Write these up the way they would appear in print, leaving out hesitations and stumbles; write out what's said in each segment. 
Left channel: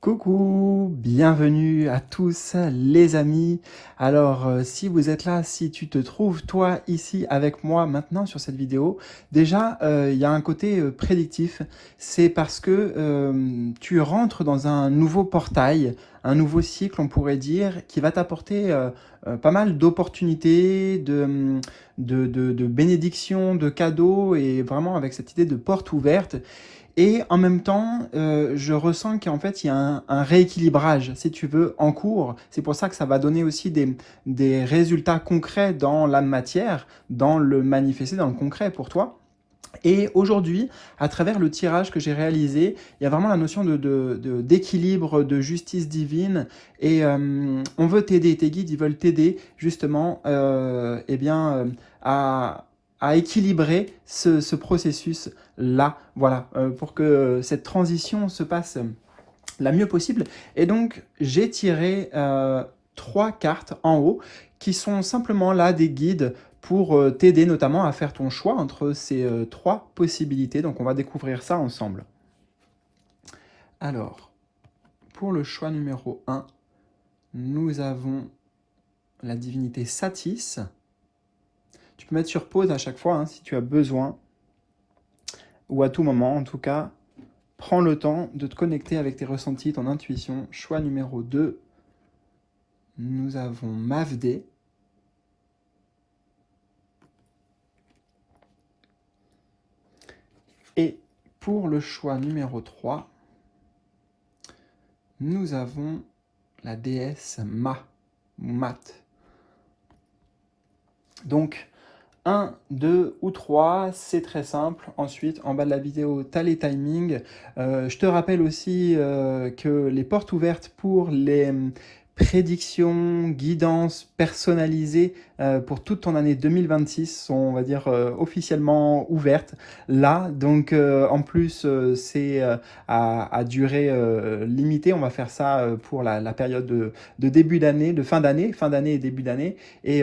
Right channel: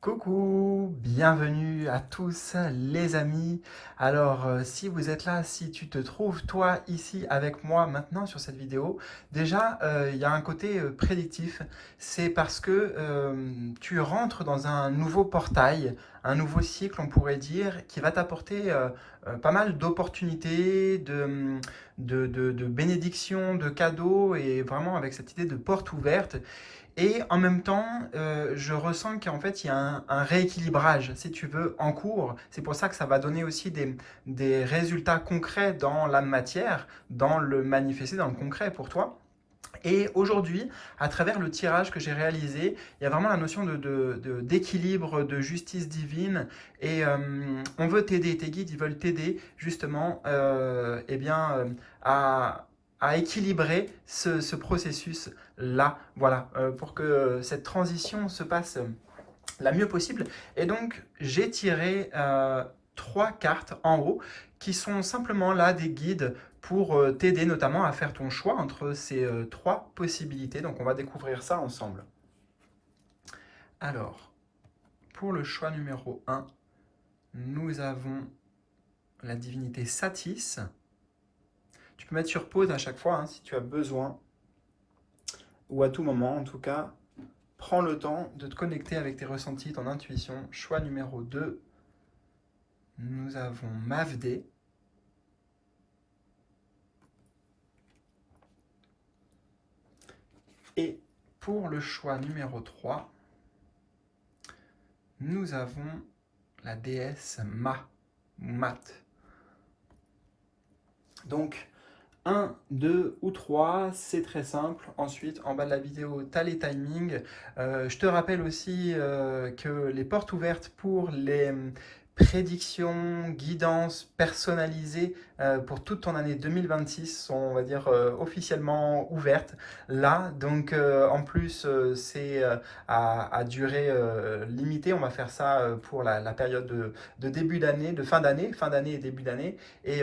Coucou, bienvenue à tous les amis. Alors si vous êtes là, si tu te trouves toi ici avec moi maintenant sur cette vidéo, déjà il y a un côté prédictif, c'est parce que tu rentres dans un nouveau portail, un nouveau cycle on pourrait dire, qui va t'apporter pas mal d'opportunités, de bénédictions, de cadeaux et vraiment avec cette idée de porte ouverte. Et en même temps, je ressens qu'en fait, il y a un rééquilibrage, si tu veux, en cours. C'est pour ça que ça va donner aussi des résultats concrets dans la matière, dans le manifesté, dans le concret pour toi. Et aujourd'hui, à travers le tirage que j'ai réalisé, il y a vraiment la notion d'équilibre, de justice divine. Et on veut t'aider, tes guides, ils veulent t'aider justement eh bien, à équilibrer ce processus-là, voilà, pour que cette transition se passe la mieux possible. Et donc, j'ai tiré 3 cartes en haut qui sont simplement là des guides pour t'aider notamment à faire ton choix entre ces 3 possibilités. Donc, on va découvrir ça ensemble. Alors, pour le choix numéro 1, nous avons la divinité Satis. Tu peux mettre sur pause à chaque fois hein, si tu as besoin, ou à tout moment en tout cas. Prends le temps de te connecter avec tes ressentis, ton intuition. Choix numéro 2, nous avons Mavdé. Et pour le choix numéro 3, nous avons la déesse Mat. Donc, 1, 2 ou 3, c'est très simple. Ensuite, en bas de la vidéo, tu as les timings. Je te rappelle aussi que les portes ouvertes pour les prédictions, guidances personnalisées pour toute ton année 2026 sont, on va dire, officiellement ouvertes là. Donc, en plus, c'est à durée limitée. On va faire ça pour la période de début d'année, de fin d'année et début d'année. Et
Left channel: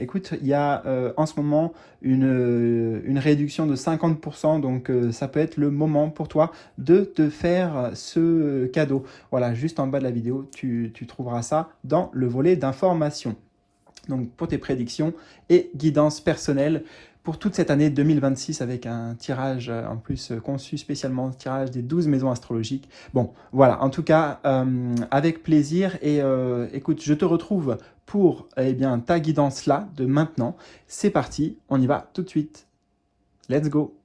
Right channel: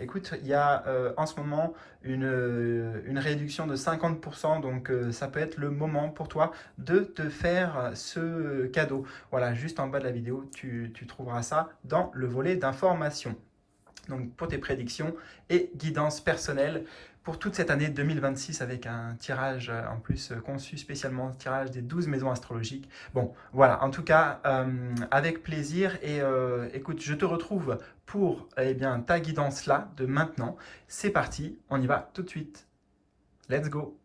écoute, il y a en ce moment une réduction de 50%, donc ça peut être le moment pour toi de te faire ce cadeau. Voilà, juste en bas de la vidéo, tu trouveras ça dans le volet d'information. Donc pour tes prédictions et guidance personnelle pour toute cette année 2026 avec un tirage en plus conçu spécialement, tirage des 12 maisons astrologiques. Bon, voilà, en tout cas, avec plaisir et écoute, je te retrouve pour eh bien, ta guidance là de maintenant. C'est parti, on y va tout de suite. Let's go!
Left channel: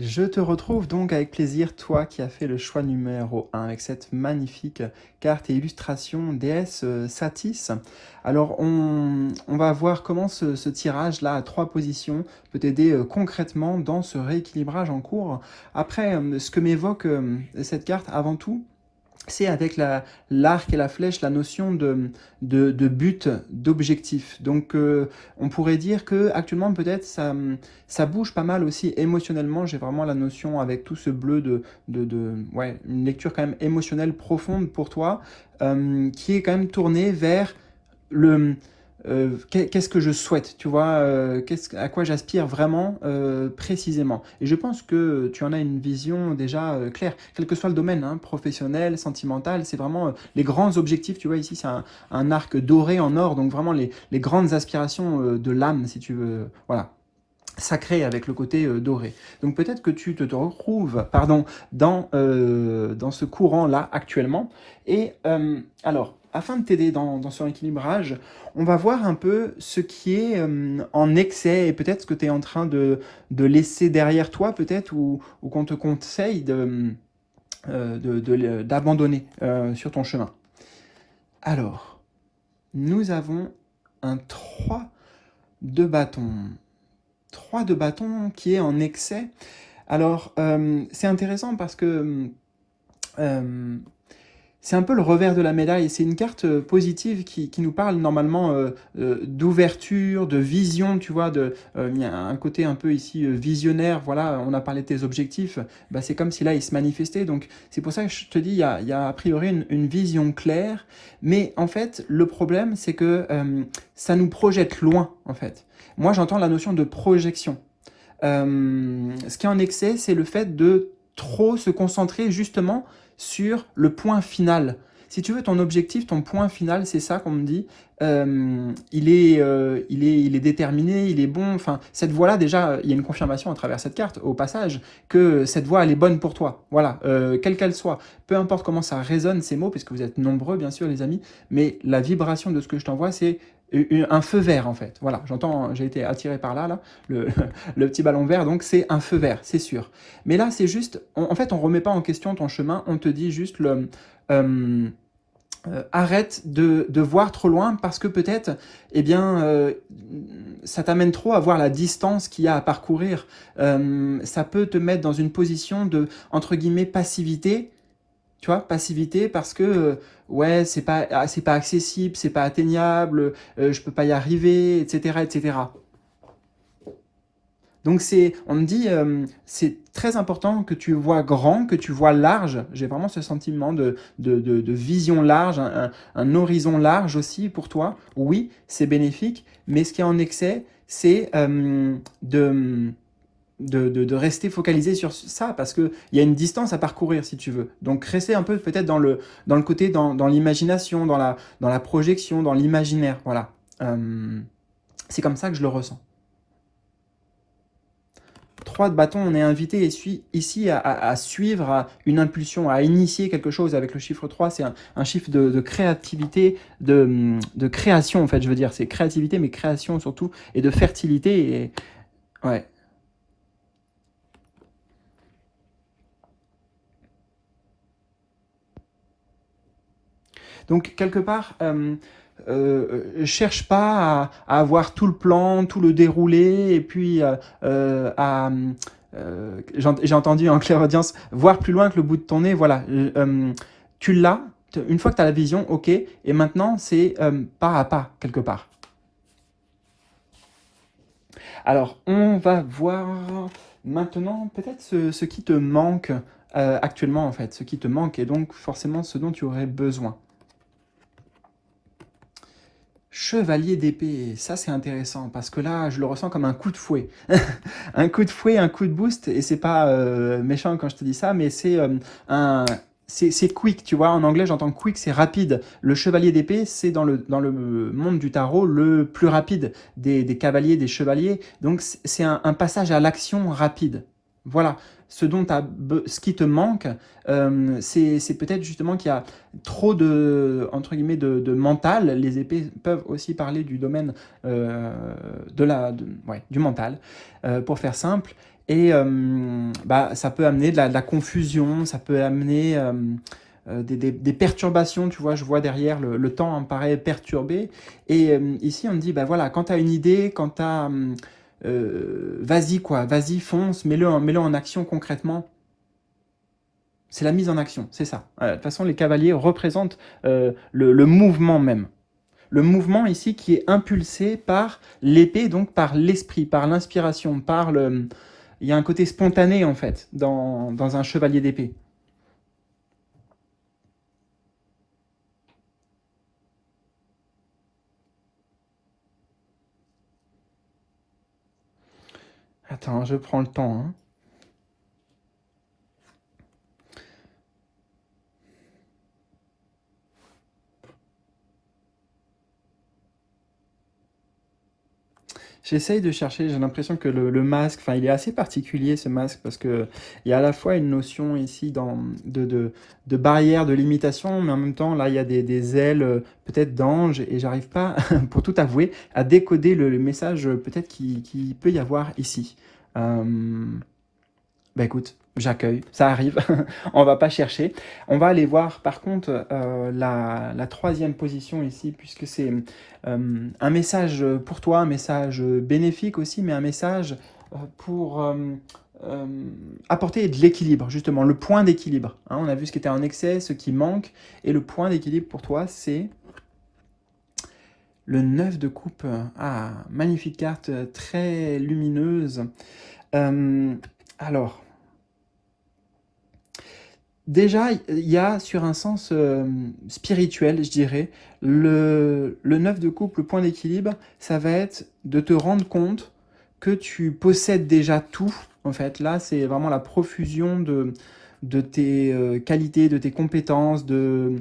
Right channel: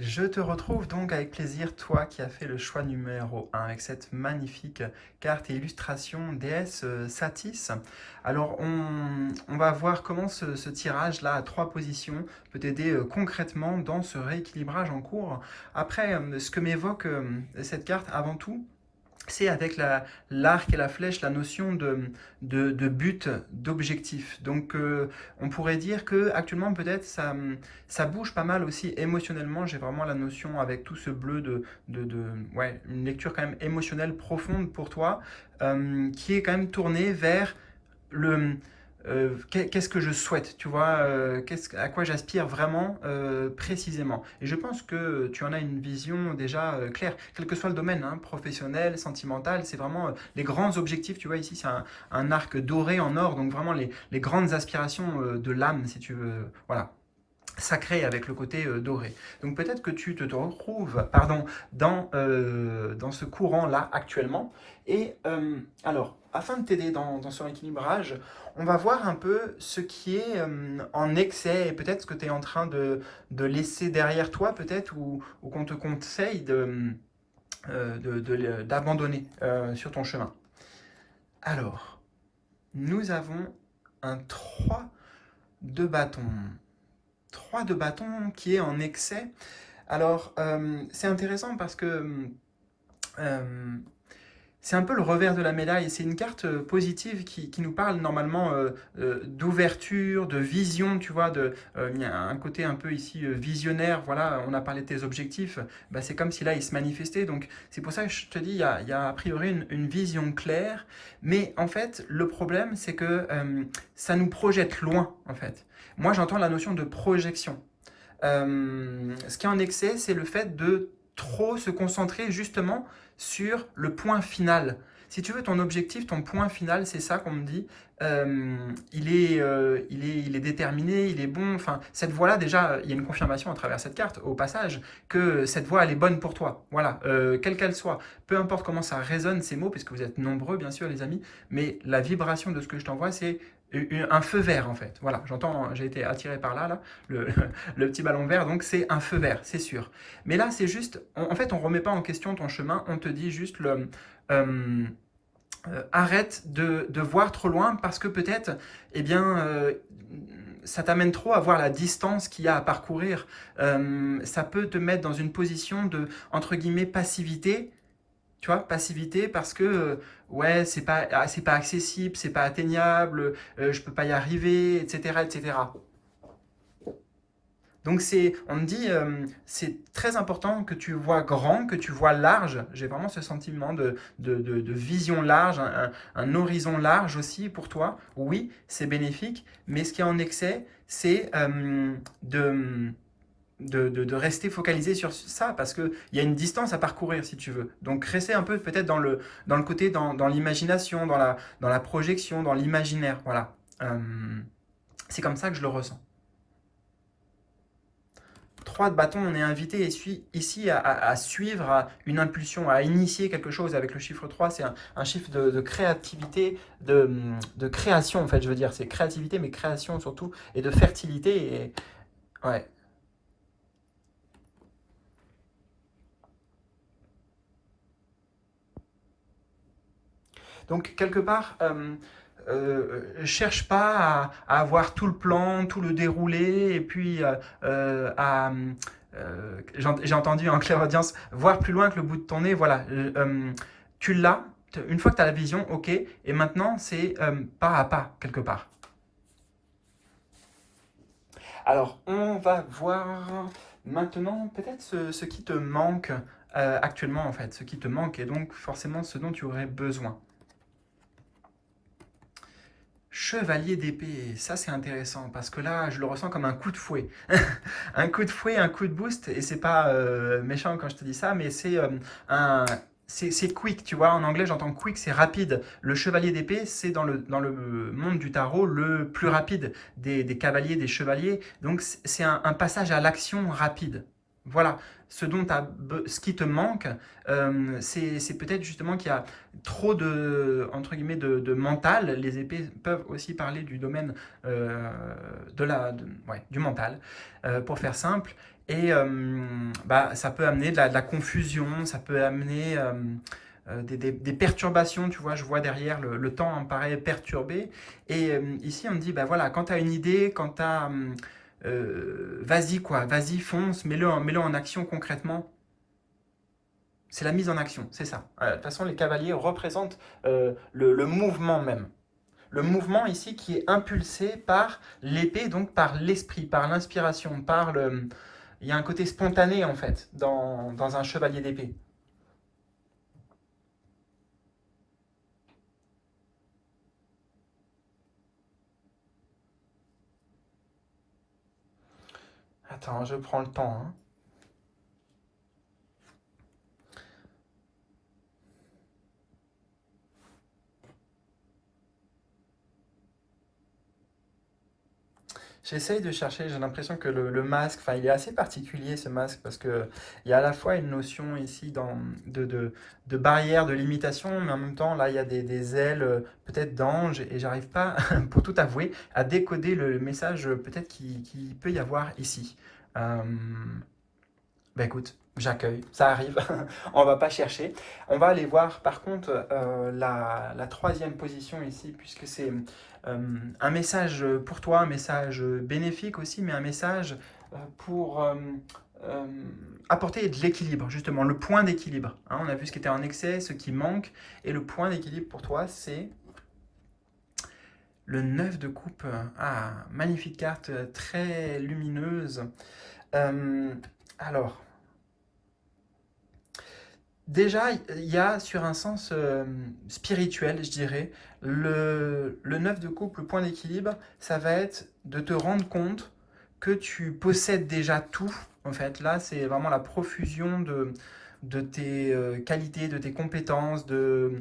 Je te retrouve donc avec plaisir, toi qui as fait le choix numéro 1 avec cette magnifique carte et illustration déesse Satis. Alors on va voir comment ce tirage-là à 3 positions peut t'aider concrètement dans ce rééquilibrage en cours. Après, ce que m'évoque cette carte avant tout, c'est avec l'arc et la flèche la notion de but, d'objectif. Donc on pourrait dire que actuellement peut-être ça bouge pas mal aussi émotionnellement. J'ai vraiment la notion avec tout ce bleu ouais, une lecture quand même émotionnelle profonde pour toi, qui est quand même tournée vers le qu'est-ce que je souhaite, tu vois, à quoi j'aspire vraiment précisément. Et je pense que tu en as une vision déjà claire, quel que soit le domaine, hein, professionnel, sentimental, c'est vraiment les grands objectifs, tu vois, ici c'est un arc doré en or, donc vraiment les grandes aspirations de l'âme, si tu veux, voilà, sacré avec le côté doré. Donc peut-être que tu te retrouves pardon, dans ce courant-là actuellement. Et alors, afin de t'aider dans ce équilibrage, on va voir un peu ce qui est en excès et peut-être ce que tu es en train de laisser derrière toi peut-être ou qu'on te conseille d'abandonner sur ton chemin. Alors, nous avons un 3 de bâton. 3 de bâton qui est en excès. Alors, c'est intéressant parce que c'est un peu le revers de la médaille. C'est une carte positive qui nous parle normalement d'ouverture, de vision, tu vois. Il y a un côté un peu ici visionnaire. Voilà, on a parlé de tes objectifs. Bah, c'est comme si là, ils se manifestaient. Donc, c'est pour ça que je te dis, il y a a priori une vision claire. Mais en fait, le problème, c'est que ça nous projette loin, en fait. Moi, j'entends la notion de projection. Ce qui est en excès, c'est le fait de trop se concentrer justement sur le point final. Si tu veux, ton objectif, ton point final, c'est ça qu'on me dit, il est déterminé, il est bon. Enfin, cette voie-là, déjà, il y a une confirmation à travers cette carte, au passage, que cette voie, elle est bonne pour toi. Voilà, quelle qu'elle soit. Peu importe comment ça résonne, ces mots, puisque vous êtes nombreux, bien sûr, les amis, mais la vibration de ce que je t'envoie, c'est un feu vert, en fait. Voilà, j'entends, j'ai été attiré par là, le petit ballon vert, donc c'est un feu vert, c'est sûr. Mais là, c'est juste, en fait, on remet pas en question ton chemin, on te dit juste euh, arrête de voir trop loin parce que peut-être, eh bien, ça t'amène trop à voir la distance qu'il y a à parcourir. Ça peut te mettre dans une position de, entre guillemets, passivité, tu vois, passivité parce que, ouais, c'est pas accessible, c'est pas atteignable, je peux pas y arriver, etc., etc. Donc on me dit, c'est très important que tu vois grand, que tu vois large. J'ai vraiment ce sentiment de vision large, un horizon large aussi pour toi. Oui, c'est bénéfique, mais ce qui est en excès, c'est de rester focalisé sur ça, parce qu'il y a une distance à parcourir, si tu veux. Donc rester un peu peut-être dans le côté, dans l'imagination, dans la projection, dans l'imaginaire. Voilà. C'est comme ça que je le ressens. 3 de bâton, on est invité ici à suivre une impulsion, à initier quelque chose avec le chiffre 3. C'est un chiffre de créativité, de création en fait, je veux dire. C'est créativité, mais création surtout, et de fertilité. Et, ouais. Donc quelque part, cherche pas à avoir tout le plan, tout le déroulé, et puis j'ai entendu en clairaudience, voir plus loin que le bout de ton nez, voilà. Tu l'as, une fois que tu as la vision, ok, et maintenant c'est pas à pas, quelque part. Alors, on va voir maintenant peut-être ce qui te manque actuellement, en fait, ce qui te manque, et donc forcément ce dont tu aurais besoin. Chevalier d'épée, ça c'est intéressant parce que là je le ressens comme un coup de fouet. Un coup de fouet, un coup de boost, et c'est pas méchant quand je te dis ça, mais c'est quick, tu vois. En anglais j'entends quick, c'est rapide. Le chevalier d'épée, c'est dans le monde du tarot le plus rapide des cavaliers, des chevaliers. Donc c'est un passage à l'action rapide. Voilà. Ce qui te manque, c'est peut-être justement qu'il y a trop entre guillemets, de mental. Les épées peuvent aussi parler du domaine ouais, du mental, pour faire simple. Et bah, ça peut amener de la confusion, ça peut amener des perturbations, tu vois, je vois derrière le temps me paraît perturbé. Et ici, on me dit, bah voilà, quand tu as une idée, quand tu as... vas-y quoi, vas-y, fonce, mets-le en action concrètement. C'est la mise en action, c'est ça. De toute façon, les cavaliers représentent le mouvement même. Le mouvement ici qui est impulsé par l'épée, donc par l'esprit, par l'inspiration, par le... Il y a un côté spontané en fait dans un chevalier d'épée. Attends, je prends le temps, hein. J'essaye de chercher, j'ai l'impression que le masque, enfin il est assez particulier ce masque parce que il y a à la fois une notion ici de barrière, de limitation, mais en même temps là il y a des ailes peut-être d'ange et j'arrive pas, pour tout avouer, à décoder le message peut-être qui peut y avoir ici. Euh, Bah écoute, j'accueille, ça arrive, on va pas chercher. On va aller voir par contre la troisième position ici, puisque c'est un message pour toi, un message bénéfique aussi, mais un message pour euh, apporter de l'équilibre, justement, le point d'équilibre. Hein, on a vu ce qui était en excès, ce qui manque, et le point d'équilibre pour toi, c'est le 9 de coupe. Ah, magnifique carte, très lumineuse. Euh, alors... Déjà, il y a sur un sens spirituel, je dirais, le 9 de coupe, le point d'équilibre, ça va être de te rendre compte que tu possèdes déjà tout. En fait, là, c'est vraiment la profusion de tes qualités, de tes compétences, euh,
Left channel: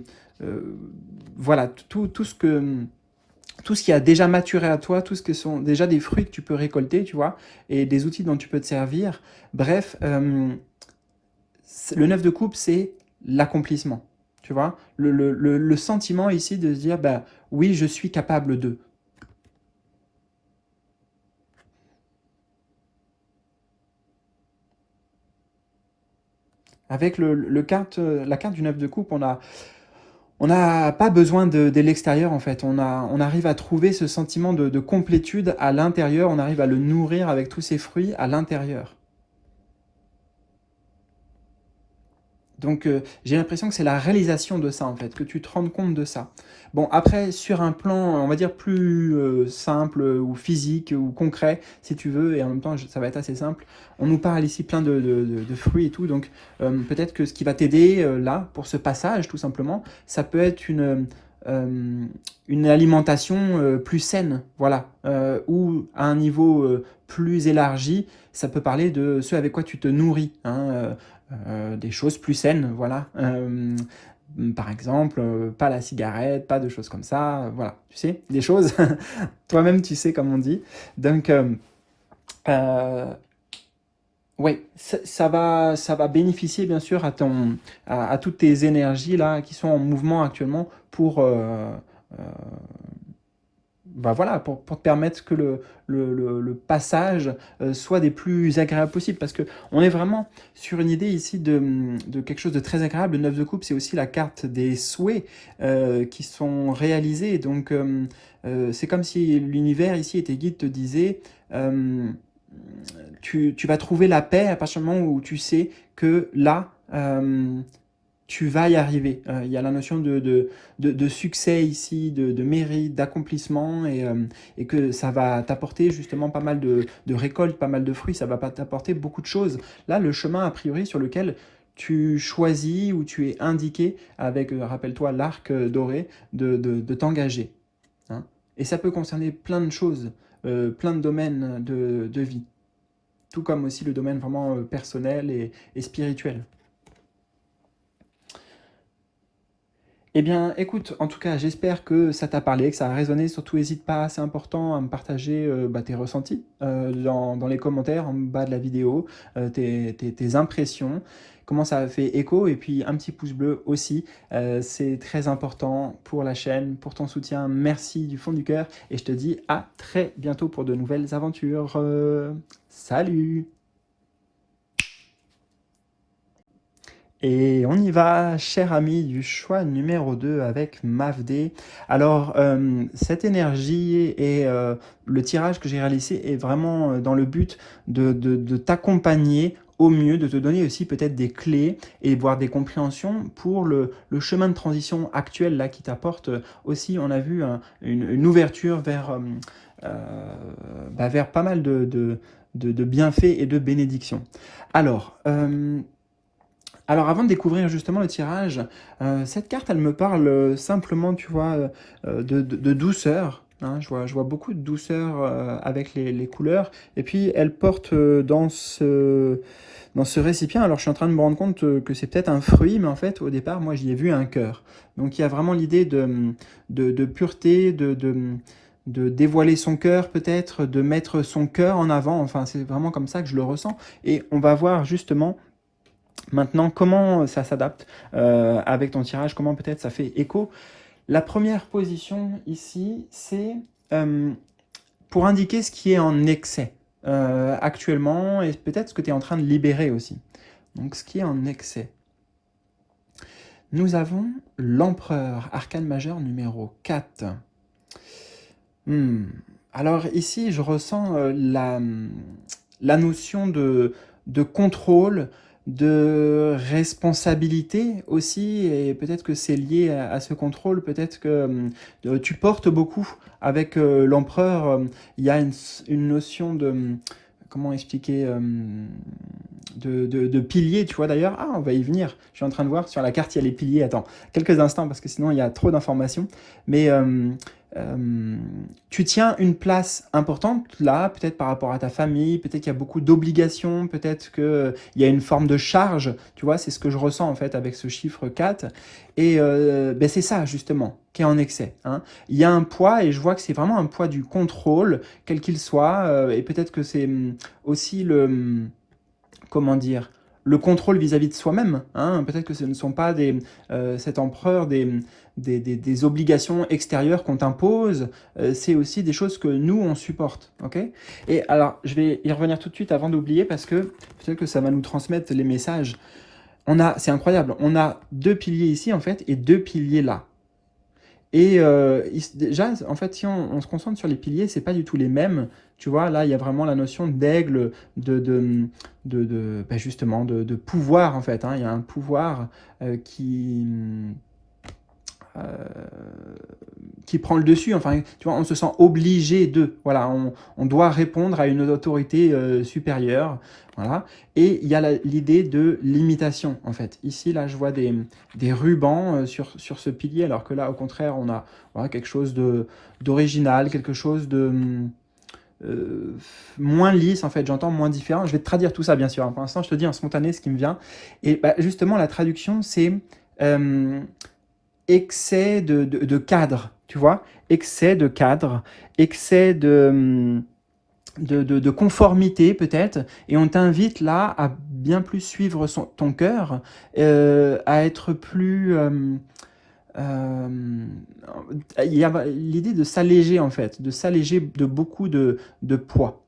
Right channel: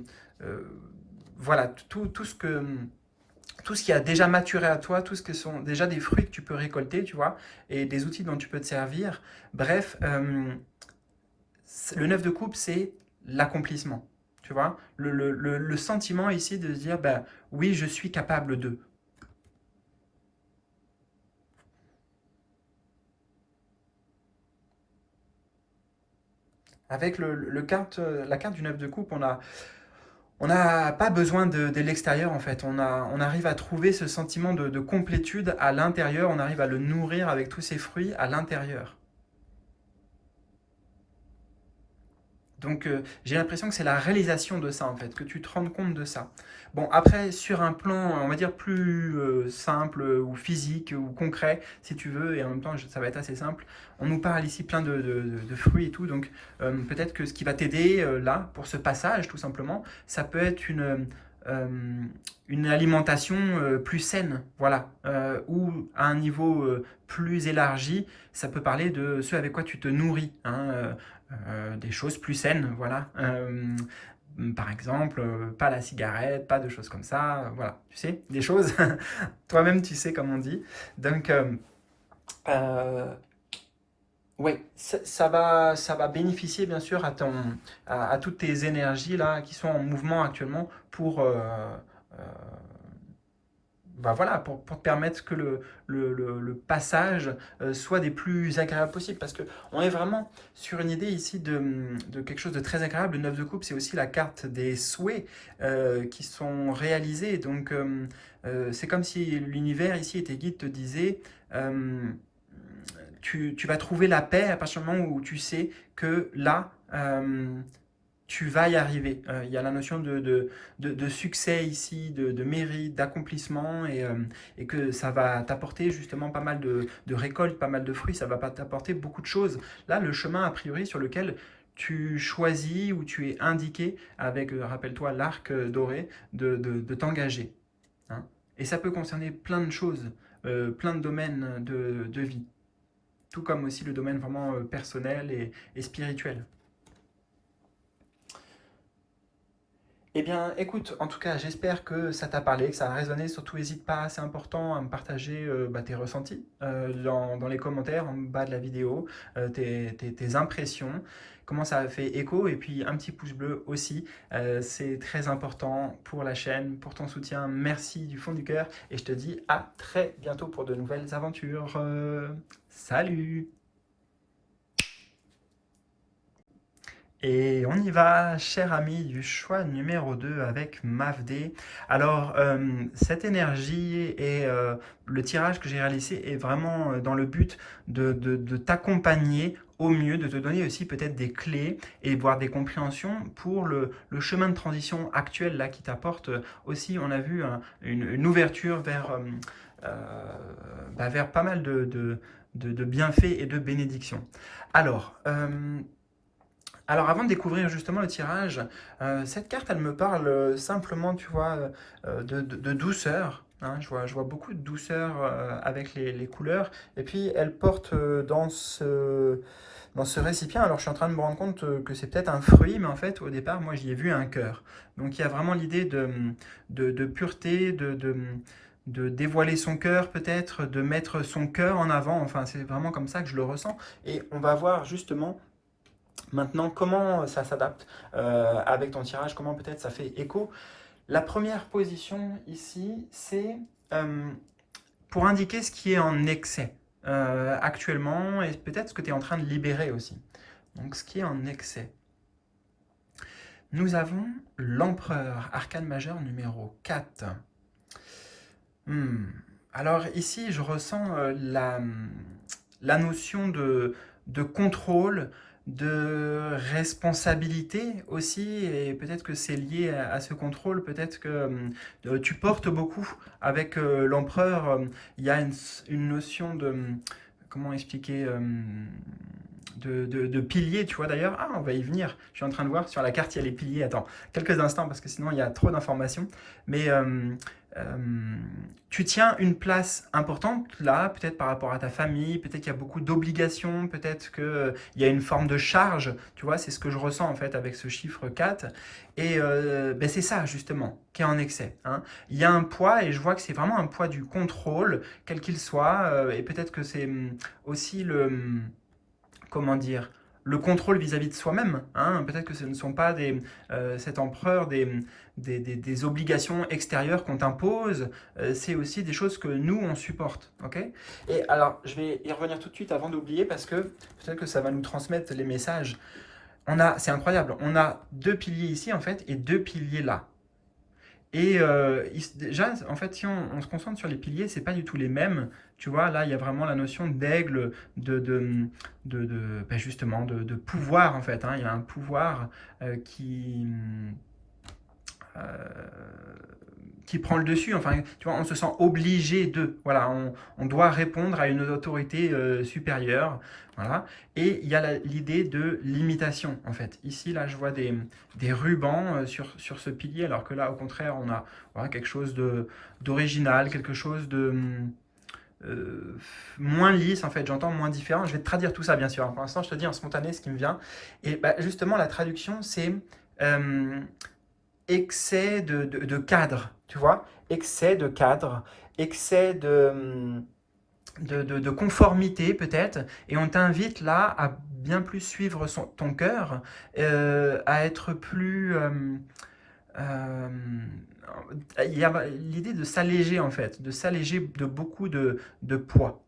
voilà, tout ce qui a déjà maturé à toi, tout ce que sont déjà des fruits que tu peux récolter, tu vois, et des outils dont tu peux te servir. Bref, le 9 de coupe, c'est l'accomplissement, tu vois. Le sentiment ici de se dire, ben, oui, je suis capable de. Avec la carte du 9 de coupe, on n'a pas besoin de l'extérieur en fait. On arrive à trouver ce sentiment de complétude à l'intérieur. On arrive à le nourrir avec tous ces fruits à l'intérieur. Donc j'ai l'impression que c'est la réalisation de ça en fait, que tu te rendes compte de ça. Bon après sur un plan on va dire plus simple ou physique ou concret si tu veux, et en même temps ça va être assez simple, on nous parle ici plein de fruits et tout, donc peut-être que ce qui va t'aider là pour ce passage tout simplement, ça peut être une alimentation plus saine, voilà, ou à un niveau plus élargi, ça peut parler de ce avec quoi tu te nourris, hein, des choses plus saines, voilà. Par exemple, pas la cigarette, pas de choses comme ça, voilà. Tu sais, des choses, toi-même tu sais comme on dit. Donc, euh, ouais, ça va bénéficier bien sûr à toutes tes énergies là qui sont en mouvement actuellement pour euh, bah voilà, pour te permettre que le passage soit des plus agréables possibles. Parce qu'on est vraiment sur une idée ici de quelque chose de très agréable. Le 9 de coupe, c'est aussi la carte des souhaits qui sont réalisés. Donc, c'est comme si l'univers ici, et tes guides te disaient, tu vas trouver la paix à partir du moment où tu sais que là, tu vas y arriver. Il y a la notion de succès ici, de mérite, d'accomplissement, et que ça va t'apporter justement pas mal de récoltes, pas mal de fruits, ça va pas t'apporter beaucoup de choses. Là, le chemin a priori sur lequel tu choisis ou tu es indiqué avec, rappelle-toi, l'arc doré, de t'engager, hein. Et ça peut concerner plein de choses, plein de domaines de vie, tout comme aussi le domaine vraiment personnel et spirituel. Eh bien, écoute, en tout cas, j'espère que ça t'a parlé, que ça a résonné. Surtout, n'hésite pas, c'est important à me partager tes ressentis dans les commentaires en bas de la vidéo, tes impressions, comment ça a fait écho, et puis un petit pouce bleu aussi. C'est très important pour la chaîne, pour ton soutien. Merci du fond du cœur, et je te dis à très bientôt pour de nouvelles aventures. Salut! Et on y va, cher ami, du choix numéro 2 avec Mavd. Alors, cette énergie et le tirage que j'ai réalisé est vraiment dans le but de t'accompagner au mieux, de te donner aussi peut-être des clés et voire des compréhensions pour le chemin de transition actuel là qui t'apporte aussi, on a vu, une ouverture euh, vers pas mal de bienfaits et de bénédictions. Alors, alors avant de découvrir justement le tirage, cette carte elle me parle simplement, tu vois, de douceur, hein. Je vois beaucoup de douceur avec les couleurs, et puis elle porte dans ce récipient, alors je suis en train de me rendre compte que c'est peut-être un fruit, mais en fait au départ moi j'y ai vu un cœur. Donc il y a vraiment l'idée de pureté, de dévoiler son cœur peut-être, de mettre son cœur en avant, enfin c'est vraiment comme ça que je le ressens, et on va voir justement maintenant, comment ça s'adapte avec ton tirage, comment peut-être ça fait écho. La première position ici, c'est euh, pour indiquer ce qui est en excès actuellement et peut-être ce que tu es en train de libérer aussi. Donc ce qui est en excès. Nous avons l'empereur, arcane majeur numéro 4. Alors ici, je ressens la notion de contrôle, de responsabilité aussi, et peut-être que c'est lié à ce contrôle, peut-être que tu portes beaucoup avec l'empereur. Il y a une notion comment expliquer, de piliers, tu vois d'ailleurs. Ah, on va y venir. Je suis en train de voir sur la carte, il y a les piliers. Attends, quelques instants, parce que sinon il y a trop d'informations. Mais tu tiens une place importante là, peut-être par rapport à ta famille, peut-être qu'il y a beaucoup d'obligations, peut-être qu'il y a une forme de charge, tu vois, c'est ce que je ressens en fait avec ce chiffre 4. Et ben c'est ça justement qui est en excès, hein. Il y a un poids et je vois que c'est vraiment un poids du contrôle, quel qu'il soit, et peut-être que c'est aussi comment dire, le contrôle vis-à-vis de soi-même, hein. Peut-être que ce ne sont pas cet empereur des obligations extérieures qu'on t'impose, c'est aussi des choses que nous, on supporte. Okay, et alors, je vais y revenir tout de suite avant d'oublier parce que peut-être que ça va nous transmettre les messages. C'est incroyable, on a deux piliers ici, en fait, et deux piliers là. Et déjà, en fait, si on se concentre sur les piliers, c'est pas du tout les mêmes. Tu vois, là, il y a vraiment la notion d'aigle, ben justement, de pouvoir, en fait, hein. Il y a un pouvoir euh, qui prend le dessus. Enfin, tu vois, on se sent obligé de. Voilà, on doit répondre à une autorité supérieure. Voilà. Et il y a l'idée de limitation, en fait. Ici, là, je vois des rubans sur ce pilier, alors que là, au contraire, on a voilà, quelque chose d'original, quelque chose de moins lisse, en fait. J'entends moins différent. Je vais te traduire tout ça, bien sûr, hein. Pour l'instant, je te dis en spontané ce qui me vient. Et bah, justement, la traduction, c'est euh, excès de cadre, tu vois, excès de cadre, excès de conformité peut-être, et on t'invite là à bien plus suivre ton cœur, à être plus... euh, il y a l'idée de s'alléger en fait, de s'alléger de beaucoup de poids.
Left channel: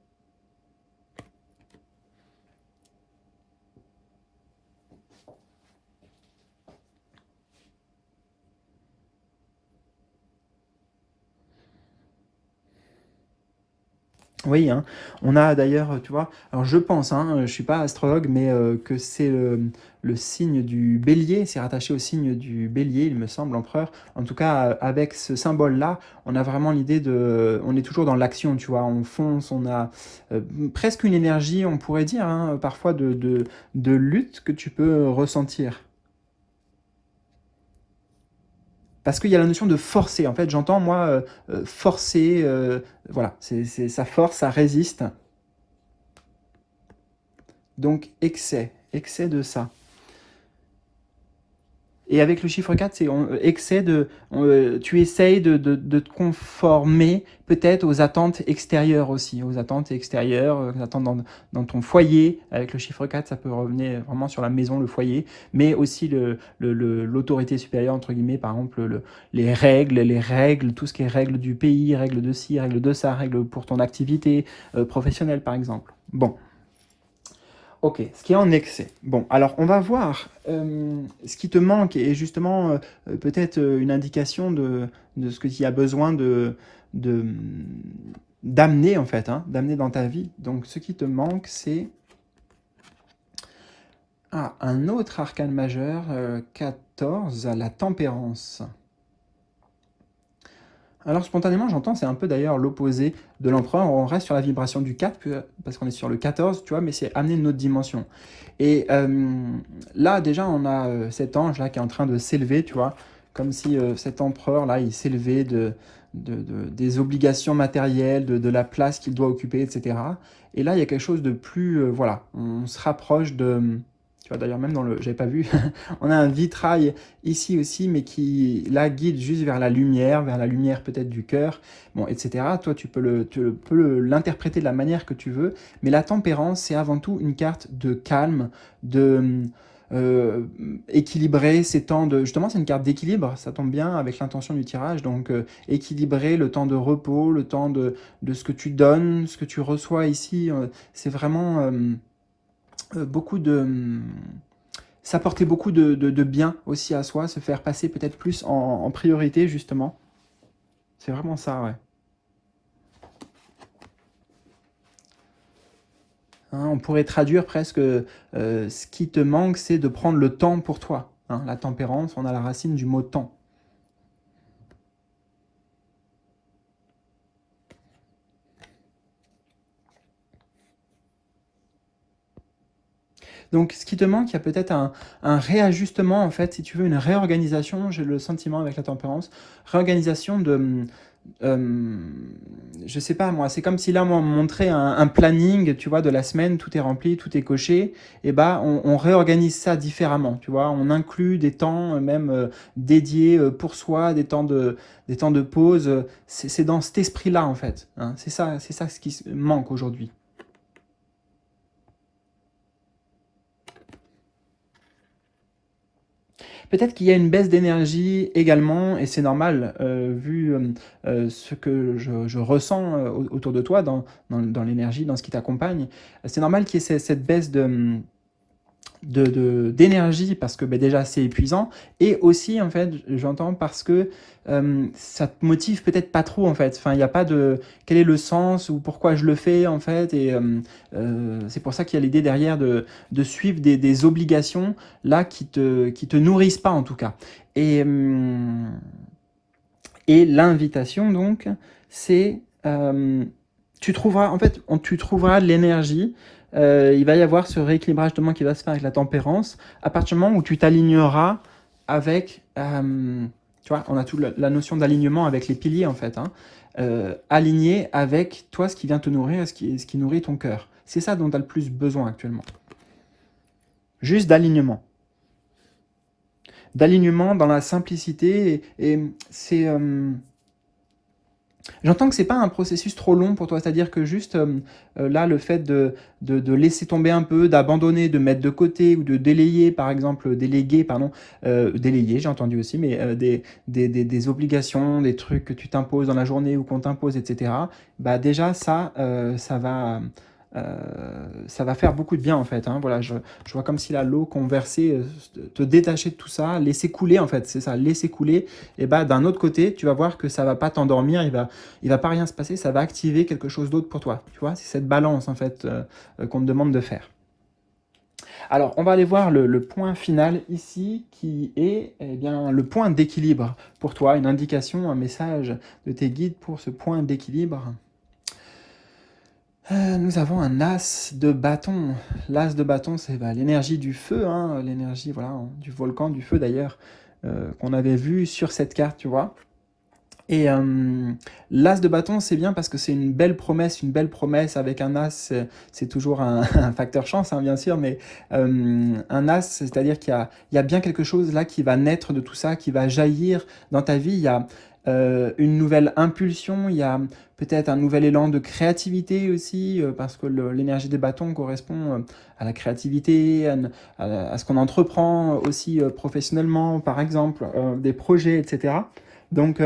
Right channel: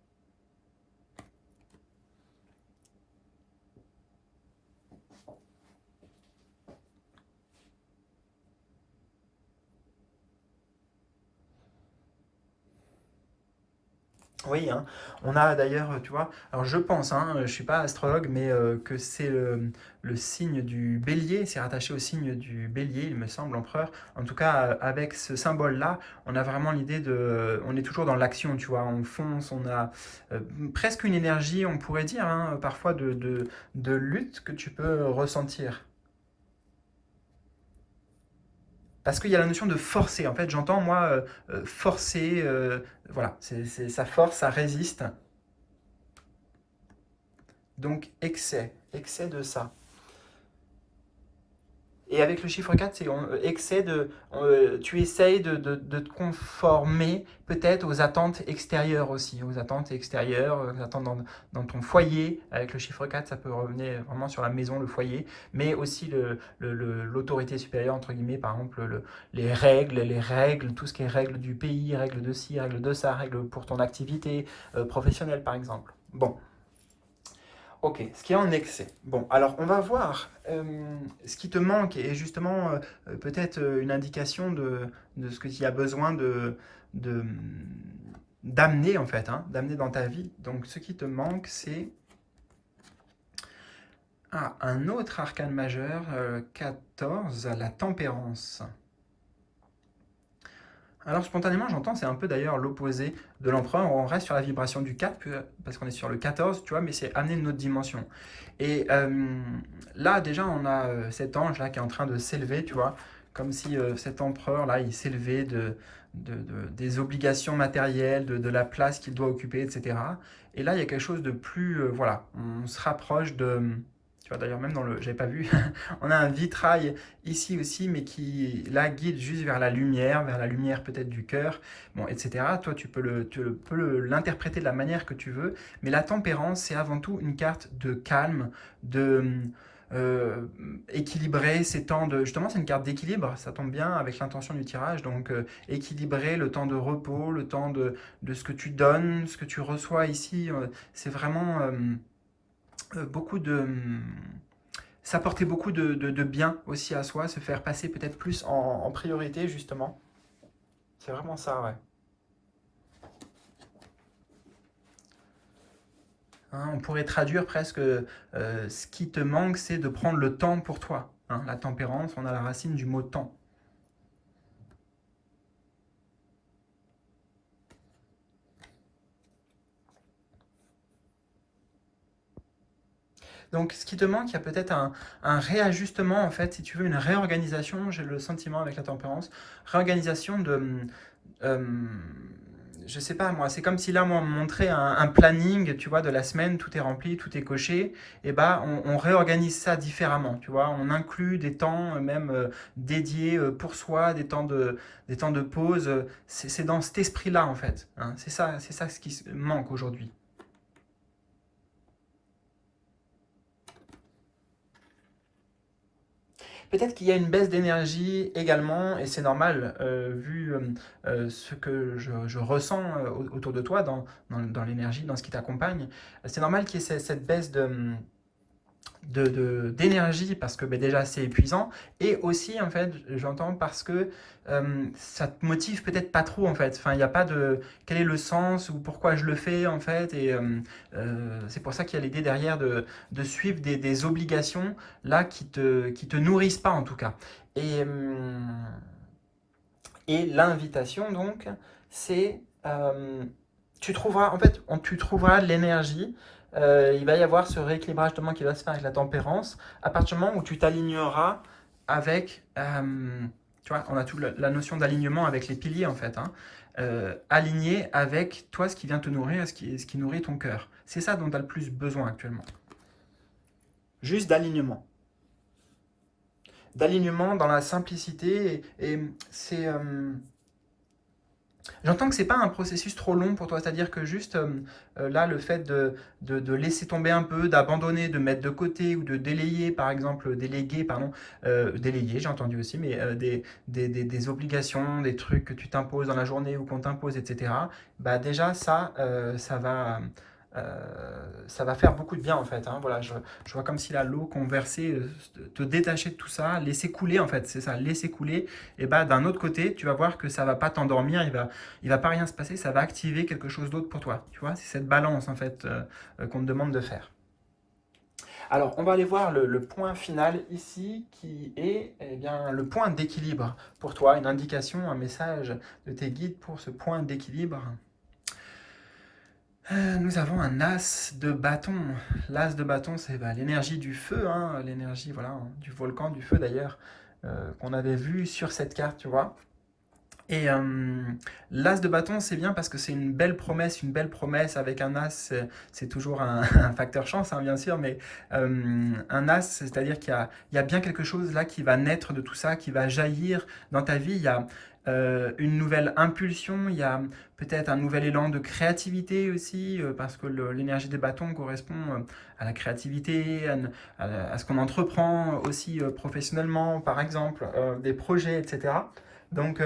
Oui, hein. On a d'ailleurs, tu vois, alors je pense, hein, je ne suis pas astrologue, mais que c'est le signe du bélier, c'est rattaché au signe du bélier, il me semble, empereur. En tout cas, avec ce symbole-là, on a vraiment l'idée on est toujours dans l'action, tu vois, on fonce, on a euh, presque une énergie, on pourrait dire, hein, parfois de lutte que tu peux ressentir. Parce qu'il y a la notion de forcer. En fait, j'entends, moi, forcer, voilà, ça force, ça résiste. Donc, excès de ça. Et avec le chiffre 4, c'est excès tu essayes de te conformer peut-être aux attentes extérieures aussi, aux attentes extérieures, aux attentes dans ton foyer. Avec le chiffre 4, ça peut revenir vraiment sur la maison, le foyer, mais aussi l'autorité supérieure, entre guillemets, par exemple, les règles, tout ce qui est règles du pays, règles de ci, règles de ça, règles pour ton activité professionnelle, par exemple. Bon. Ok, ce qui est en excès. Bon, alors on va voir ce qui te manque et justement peut-être une indication de ce que tu as besoin de- d'amener en fait, hein, d'amener dans ta vie. Donc ce qui te manque, c'est un autre arcane majeur, 14, la tempérance. Alors spontanément, j'entends, c'est un peu d'ailleurs l'opposé de l'empereur. On reste sur la vibration du 4, parce qu'on est sur le 14, tu vois, mais c'est amener une autre dimension. Et là, déjà, on a cet ange là qui est en train de s'élever, tu vois, comme si cet empereur là, il s'élevait des obligations matérielles, de la place qu'il doit occuper, etc. Et là, il y a quelque chose de plus, voilà, on se rapproche tu vois, d'ailleurs, même j'avais pas vu, on a un vitrail ici aussi, mais qui la guide juste vers la lumière peut-être du cœur, bon, etc. Toi, tu peux l'interpréter de la manière que tu veux, mais la tempérance, c'est avant tout une carte de calme, de euh, équilibrer ces temps de... Justement, c'est une carte d'équilibre, ça tombe bien avec l'intention du tirage, donc équilibrer le temps de repos, le temps de ce que tu donnes, ce que tu reçois ici, c'est vraiment beaucoup de s'apporter beaucoup de bien aussi à soi, se faire passer peut-être plus en priorité, justement. C'est vraiment ça, ouais. Hein, on pourrait traduire presque ce qui te manque, c'est de prendre le temps pour toi. Hein, la tempérance, on a la racine du mot temps. Donc, ce qui te manque, il y a peut-être un réajustement, en fait, si tu veux, une réorganisation, j'ai le sentiment avec la tempérance, réorganisation euh, je sais pas moi, c'est comme si là, on me montrait un planning, tu vois, de la semaine, tout est rempli, tout est coché, et bah, on réorganise ça différemment, tu vois, on inclut des temps même dédiés pour soi, des temps de pause, c'est dans cet esprit-là, en fait, hein. C'est ça ce qui manque aujourd'hui. Peut-être qu'il y a une baisse d'énergie également, et c'est normal, vu ce que je ressens autour de toi, dans l'énergie, dans ce qui t'accompagne. C'est normal qu'il y ait cette baisse d'énergie parce que ben, déjà c'est épuisant et aussi en fait j'entends parce que ça te motive peut-être pas trop en fait, enfin il n'y a pas de quel est le sens ou pourquoi je le fais en fait et c'est pour ça qu'il y a l'idée derrière de suivre des obligations là qui te nourrissent pas en tout cas et l'invitation donc c'est tu trouveras, en fait, tu trouveras de l'énergie. Il va y avoir ce rééquilibrage de qui va se faire avec la tempérance à partir du moment où tu t'aligneras avec, tu vois, on a toute la notion d'alignement avec les piliers en fait, hein, aligné avec toi ce qui vient te nourrir, ce qui nourrit ton cœur. C'est ça dont tu as le plus besoin actuellement. Juste d'alignement. D'alignement dans la simplicité et c'est j'entends que c'est pas un processus trop long pour toi, c'est-à-dire que juste là, le fait de laisser tomber un peu, d'abandonner, de mettre de côté ou de délayer, par exemple, déléguer, pardon, délayer, j'ai entendu aussi, mais des obligations, des trucs que tu t'imposes dans la journée ou qu'on t'impose, etc. Bah déjà, euh, ça va faire beaucoup de bien en fait, hein. Voilà, je vois comme si là, l'eau qu'on versait, te détacher de tout ça, laisser couler en fait, c'est ça, laisser couler. Et bah d'un autre côté, tu vas voir que ça va pas t'endormir, il va pas rien se passer, ça va activer quelque chose d'autre pour toi. Tu vois, c'est cette balance en fait qu'on te demande de faire. Alors, on va aller voir le point final ici qui est eh bien, le point d'équilibre pour toi, une indication, un message de tes guides pour ce point d'équilibre. Nous avons un as de bâton. L'as de bâton, c'est bah, l'énergie du feu, hein, l'énergie voilà, du volcan, du feu d'ailleurs, qu'on avait vu sur cette carte, tu vois. Et l'as de bâton, c'est bien parce que c'est une belle promesse avec un as, c'est toujours un facteur chance, hein, bien sûr, mais un as, c'est-à-dire il y a bien quelque chose là qui va naître de tout ça, qui va jaillir dans ta vie. Il y a une nouvelle impulsion, il y a peut-être un nouvel élan de créativité aussi, parce que l'énergie des bâtons correspond à la créativité, à ce qu'on entreprend aussi professionnellement, par exemple, des projets, etc. Donc,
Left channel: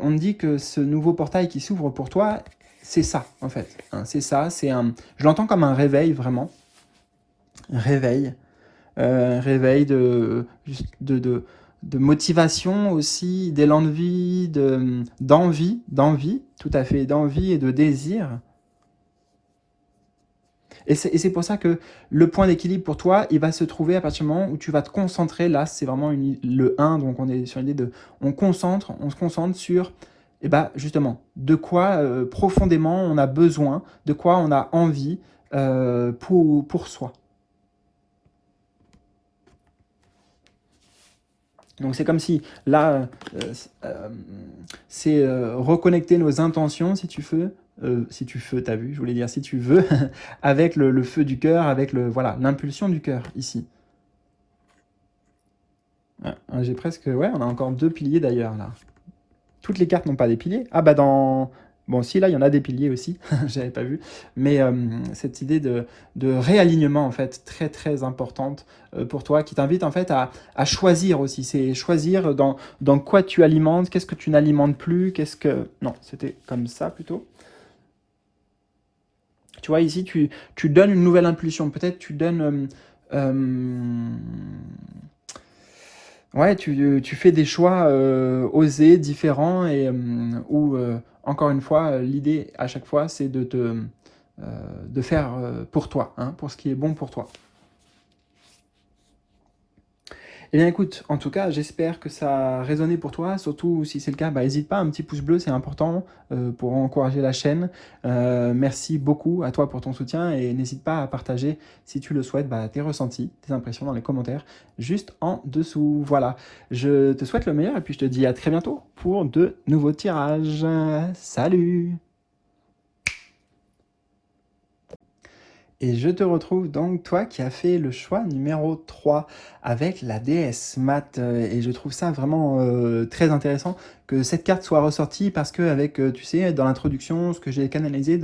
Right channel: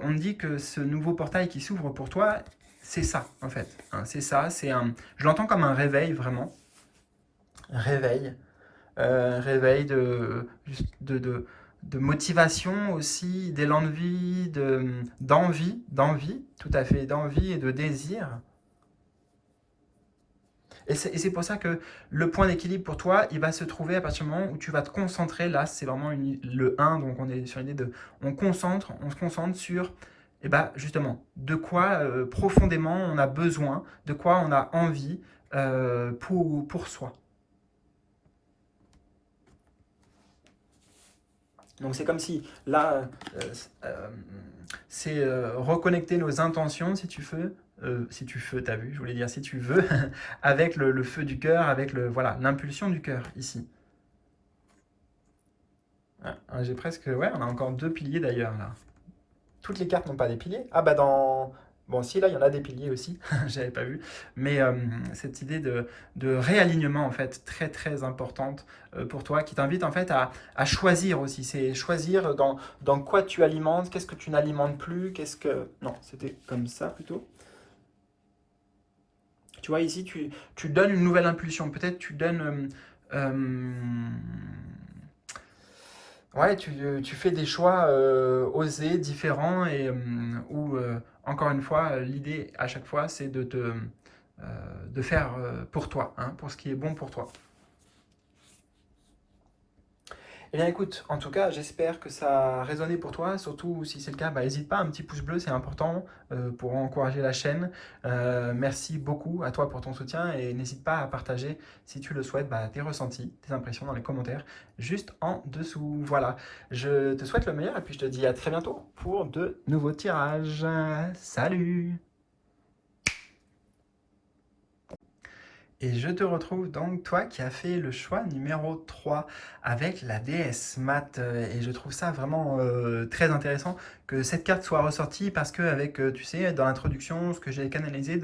on dit que ce nouveau portail qui s'ouvre pour toi, c'est ça, en fait, hein. C'est ça, je l'entends comme un réveil, vraiment. Réveil. Réveil de motivation aussi, d'élan de vie, d'envie, tout à fait, d'envie et de désir. Et c'est pour ça que le point d'équilibre pour toi, il va se trouver à partir du moment où tu vas te concentrer. Là, c'est vraiment le un, donc on est sur l'idée de... On se concentre sur, eh ben, justement, de quoi profondément on a besoin, de quoi on a envie pour soi. Donc c'est comme si là, euh, c'est reconnecter nos intentions, si tu veux, t'as vu, je voulais dire si tu veux, avec le feu du cœur, avec voilà, l'impulsion du cœur ici. Ouais, j'ai presque, ouais, on a encore deux piliers d'ailleurs là. Toutes les cartes n'ont pas des piliers. Ah bah dans... Bon, si là, il y en a des piliers aussi, j'avais pas vu. Mais cette idée de réalignement, en fait, très très importante pour toi, qui t'invite en fait à choisir aussi. C'est choisir dans quoi tu alimentes, qu'est-ce que tu n'alimentes plus, qu'est-ce que... Non, c'était comme ça plutôt. Tu vois, ici, tu donnes une nouvelle impulsion. Peut-être tu donnes... ouais, tu fais des choix osés, différents, et où, encore une fois, l'idée à chaque fois, c'est de faire pour toi, hein, pour ce qui est bon pour toi. Eh bien écoute, en tout cas, j'espère que ça a résonné pour toi, surtout si c'est le cas, bah, n'hésite pas, un petit pouce bleu, c'est important pour encourager la chaîne. Merci beaucoup à toi pour ton soutien et n'hésite pas à partager, si tu le souhaites, bah, tes ressentis, tes impressions dans les commentaires, juste en dessous. Voilà, je te souhaite le meilleur et puis je te dis à très bientôt pour de nouveaux tirages. Salut! Et je te retrouve donc, toi qui as fait le choix numéro 3 avec la déesse Mat. Et je trouve ça vraiment très intéressant que cette carte soit ressortie parce que avec, tu sais, dans l'introduction, ce que j'ai canalisé,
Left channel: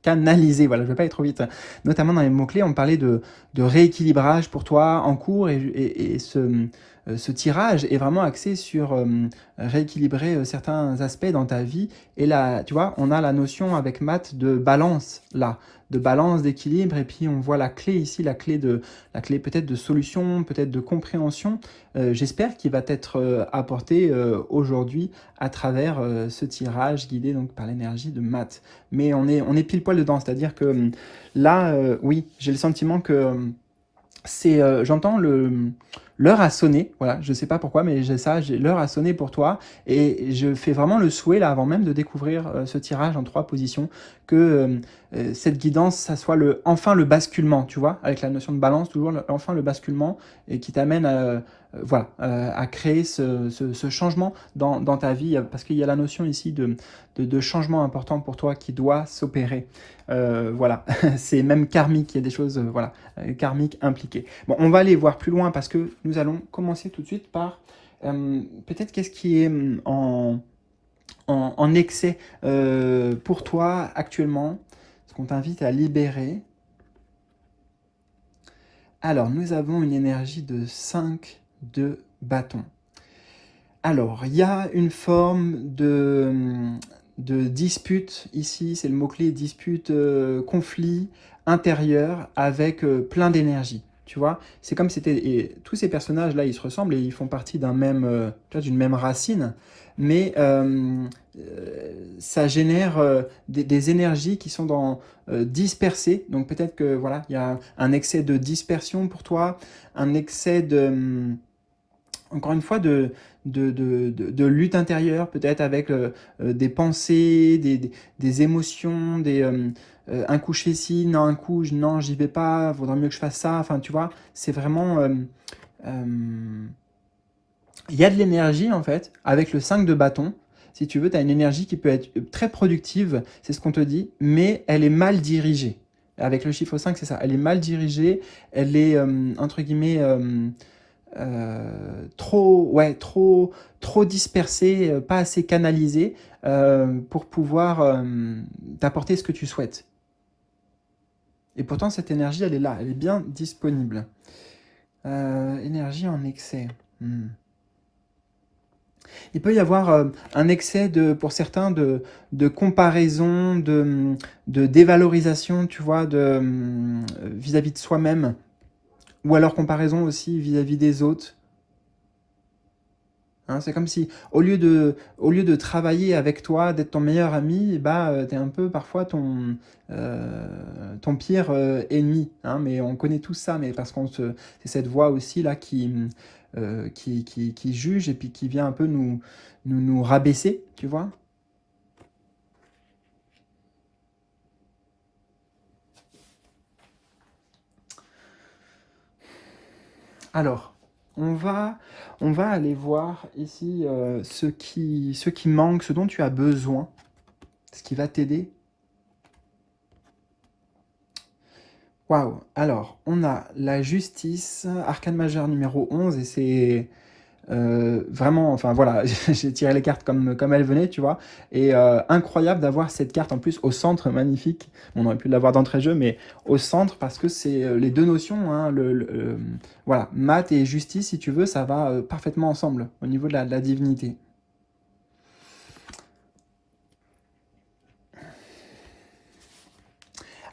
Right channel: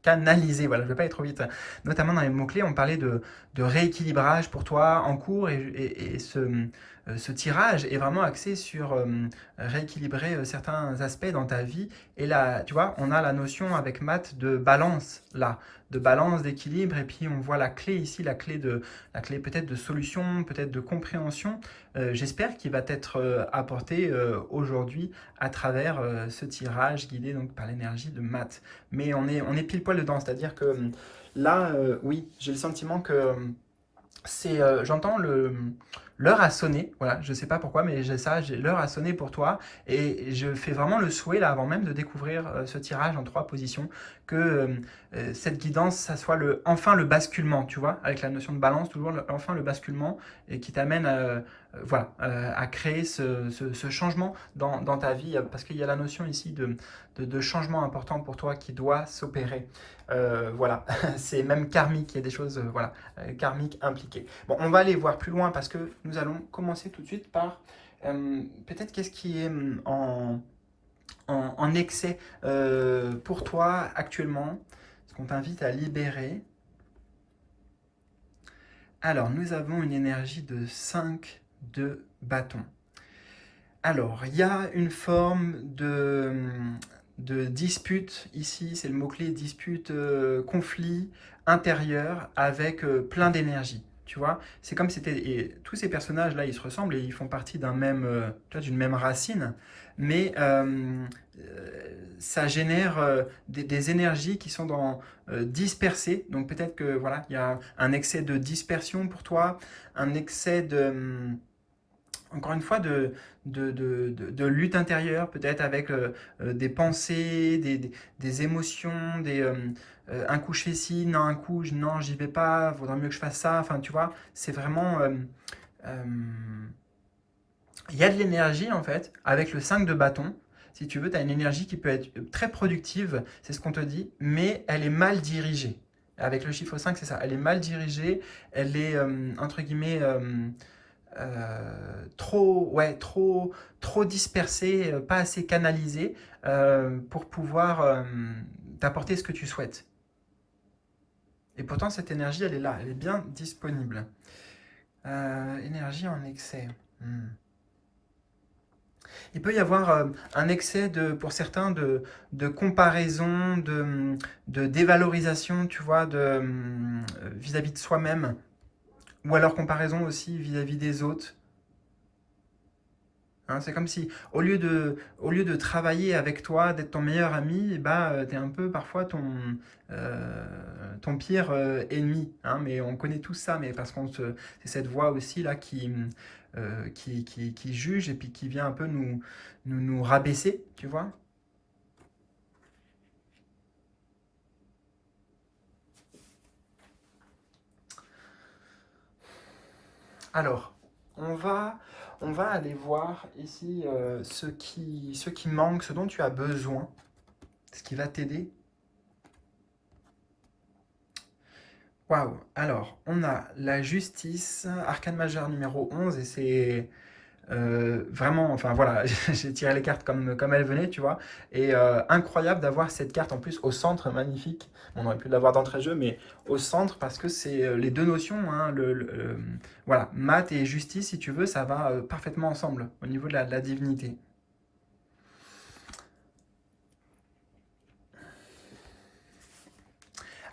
canalisé, voilà, je ne vais pas aller trop vite, notamment dans les mots-clés, on parlait de rééquilibrage pour toi en cours et ce tirage est vraiment axé sur rééquilibrer certains aspects dans ta vie. Et là, tu vois, on a la notion avec Mat de balance là, de balance, d'équilibre, et puis on voit la clé ici, la clé peut-être de solution, peut-être de compréhension, j'espère qu'il va t'être apporté aujourd'hui à travers ce tirage guidé donc par l'énergie de Mat. Mais on est pile poil dedans, c'est-à-dire que là, oui, j'ai le sentiment que j'entends l'heure a sonné, voilà, je sais pas pourquoi, mais l'heure a sonné pour toi, et je fais vraiment le souhait, là, avant même de découvrir ce tirage en 3 positions, que cette guidance, ça soit enfin le basculement, tu vois, avec la notion de balance, toujours enfin le basculement, et qui t'amène voilà, à créer ce changement dans ta vie, parce qu'il y a la notion ici de changement important pour toi qui doit s'opérer. Voilà, c'est même karmique, il y a des choses voilà, karmiques impliquées. Bon, on va aller voir plus loin parce que nous allons commencer tout de suite par peut-être qu'est-ce qui est en excès pour toi actuellement, ce qu'on t'invite à libérer. Alors, nous avons une énergie de 5 de bâton. Alors, il y a une forme de dispute ici, c'est le mot-clé, dispute, conflit intérieur avec plein d'énergie. Tu vois, c'est comme et tous ces personnages-là, ils se ressemblent et ils font partie d'une même racine, mais ça génère des énergies qui sont dispersées. Donc peut-être que voilà, il y a un excès de dispersion pour toi, un excès encore une fois, de lutte intérieure, peut-être avec des pensées, des émotions, un coup je fais ci, non, un coup, non, j'y vais pas, vaudrait mieux que je fasse ça. Enfin, tu vois, c'est vraiment... il y a de l'énergie, en fait, avec le 5 de bâton. Si tu veux, tu as une énergie qui peut être très productive, c'est ce qu'on te dit, mais elle est mal dirigée. Avec le chiffre 5, c'est ça. Elle est mal dirigée, elle est, entre guillemets... trop dispersé, pas assez canalisé pour pouvoir t'apporter ce que tu souhaites. Et pourtant, cette énergie, elle est là, elle est bien disponible. Énergie en excès. Il peut y avoir un excès pour certains de comparaison, de dévalorisation, tu vois, vis-à-vis de soi-même. Ou alors comparaison aussi vis-à-vis des autres. Hein, c'est comme si, au lieu de travailler avec toi, d'être ton meilleur ami, bah, tu es un peu parfois ton pire ennemi. Hein, mais on connaît tous ça, mais parce c'est cette voix aussi là qui juge et puis qui vient un peu nous rabaisser, tu vois. Alors, on va aller voir ici ce qui manque, ce dont tu as besoin, ce qui va t'aider. Waouh! Alors, on a la justice, arcane majeure numéro 11, et c'est vraiment, enfin voilà, j'ai tiré les cartes comme elles venaient, tu vois, et incroyable d'avoir cette carte en plus au centre, magnifique. On aurait pu l'avoir d'entrée de jeu, mais au centre, parce que c'est les deux notions, hein, voilà, maths et justice, si tu veux, ça va parfaitement ensemble, au niveau de la divinité.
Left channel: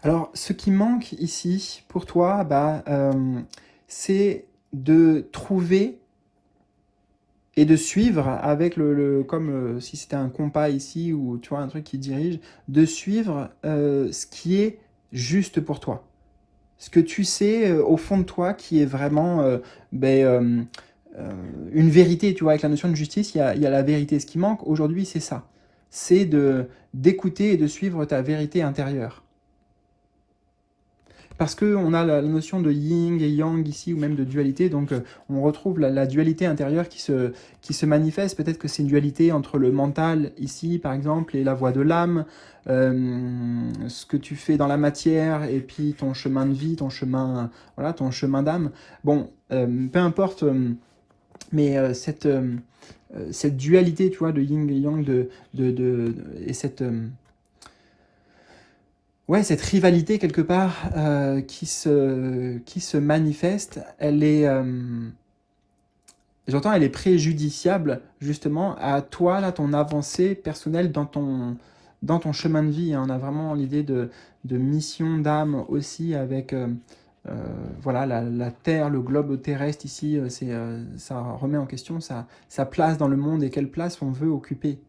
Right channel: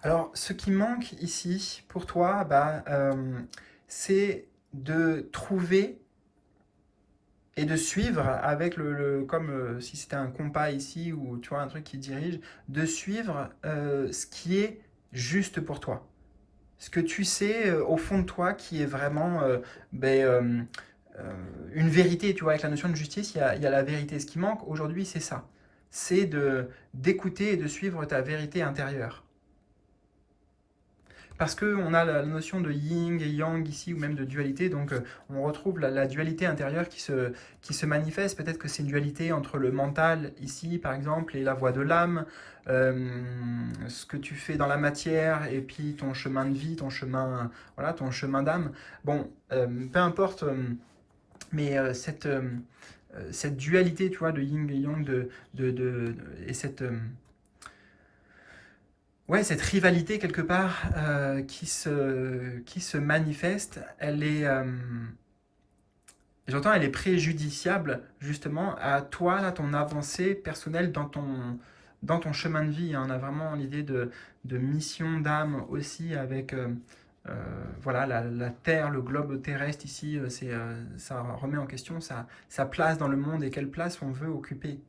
Alors, ce qui manque ici pour toi, bah, c'est de trouver et de suivre avec comme si c'était un compas ici ou tu vois un truc qui dirige, de suivre ce qui est juste pour toi. Ce que tu sais au fond de toi qui est vraiment ben, une vérité, tu vois, avec la notion de justice, il y a la vérité. Ce qui manque aujourd'hui, c'est ça. C'est d'écouter et de suivre ta vérité intérieure. Parce qu'on a la notion de yin et yang ici, ou même de dualité, donc on retrouve la dualité intérieure qui se manifeste. Peut-être que c'est une dualité entre le mental, ici par exemple, et la voie de l'âme, ce que tu fais dans la matière, et puis ton chemin de vie, voilà, ton chemin d'âme. Bon, peu importe, mais cette dualité, tu vois, de yin et yang, et ouais, cette rivalité quelque part qui se manifeste, j'entends, elle est préjudiciable justement à toi, là, ton avancée personnelle dans ton chemin de vie. Hein. On a vraiment l'idée de mission d'âme aussi avec euh, voilà, la Terre, le globe terrestre ici, ça remet en question sa place dans le monde et quelle place on veut occuper.